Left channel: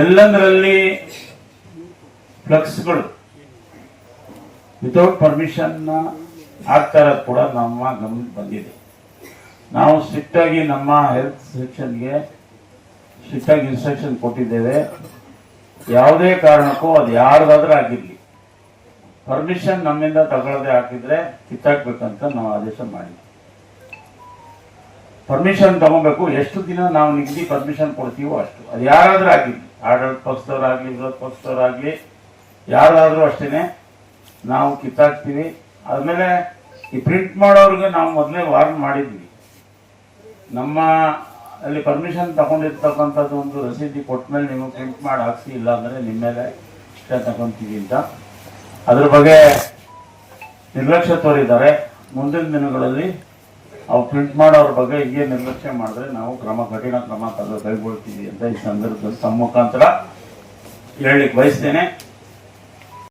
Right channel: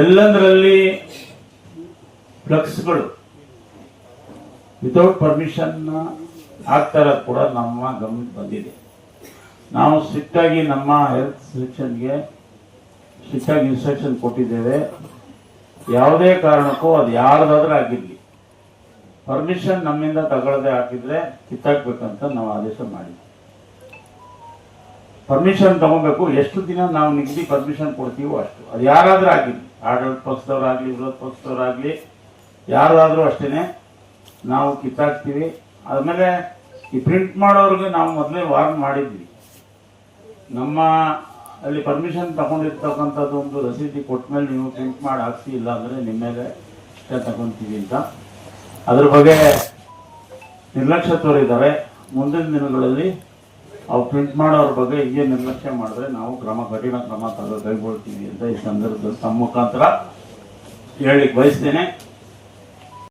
ಎಲ್ಲಂದ್ರಲ್ಲಿ ಫ್ಲೆಕ್ಸ್ಗಳು without permission ಆಗ್ತಾ ಇರೋದು ಕೂಡ ನಮ್ಮ ಗಮನಕ್ಕೆ ಬಂದಿದೆ. ನಾವು ಸ್ಟ್ರಿಕ್ಟ್ ಆಗಿ ನಮ್ಮ ಹೆಲ್ತ್ ಸೆಕ್ಷನ್ಗೆ ಸ್ಟ್ರಿಕ್ಟ್ ಆಗಿ ಇನ್ಸ್ಟ್ರಕ್ಷನ್ ಕೊಟ್ಟಿದ್ದೇವೆ. ಯಾವುದೇ ಕಾರಣಕ್ಕೂ ಅದು ಯಾರ್ದಾದ್ರೂ ಆಗಿರ್ಲಿ, ಪರ್ಮಿಷನ್ ನಮ್ಮಿಂದ ತಗೊಳ್ಳದೆ ಹಾಕಿದ್ರೆ ಕಿತ್ತಾಕ್ಬೇಕಂತ ನಾವು ಆದೇಶ ಮಾಡಿದ್ವಿ. ಪರ್ಮಿಷನ್ ತಗೋಬೇಕು. ಎಷ್ಟು ದಿನ ನಾವು ನಿಗದಿ ಪರ್ಮಿಷನ್ ಕೊಡ್ತೀವೋ ಅಷ್ಟು, ಅದು ಯಾರಾದ್ರೂ ಆಗಿರ್ಲಿ, ಆಡಳಿತ ಪಕ್ಷದವರಾಗ್ಲಿ, ವಿರೋಧ ಪಕ್ಷದವರಾಗ್ಲಿ, ಯಾರಾದ್ರೂ ಅಷ್ಟೇನೆ ನಾವು ಕಿತ್ತಾಕ್ತೀವಿ. ಆದ್ಮೇಲೆ ಈ ಪ್ರಿಂಟ್ ಮಾಡೋರಿಗೆ ನಾವು ಮೊದಲೇ ವಾರ್ನ್ ಮಾಡಿದ್ವಿ. ನಮ್ಮ ಅಲ್ಲಿ ಪರ್ಮಿಷನ್ ತಗೊಂಡಿರ್ತಕ್ಕಂಥದ್ದು ಒಂದು ರಸೀದಿ ಕೊಟ್ಟ ಮೇಲೆ ನೀವು ಪ್ರಿಂಟ್ ಮಾಡಿ ಹಾಕ್ಸಿ, ಇಲ್ಲ ಅಂದ್ರೆ ನಿಮ್ಮ ಮೇಲೆ ತಗೊಂತೀವಿ ಅಂತ. ಅದ್ರ ಬಗ್ಗೆ ನಿರ್ಲಕ್ಷ್ಯ ತೋರಿದ್ದಾರೆ. ಮುಂದಿನ ದಿನಗಳಲ್ಲಿ ಅವ್ರು ಪ್ರಿಂಟ್ ಮಾಡೋರ ಬಗ್ಗೆ ಹೀಗೆ ನಿರ್ಲಕ್ಷ್ಯ ಮಾಡಿದ್ರೆ ನಾವು ಕಠಿಣ ಕ್ರಮ ಕೈಗೊಳ್ತೀವಿ ಅಂತ ಈ ಸಂದರ್ಭದಲ್ಲಿ ತಮ್ಮ ಮುಖಾಂತರ ಹೇಳಲಿಕ್ಕೆ ಬಯಸ್ತೇನೆ.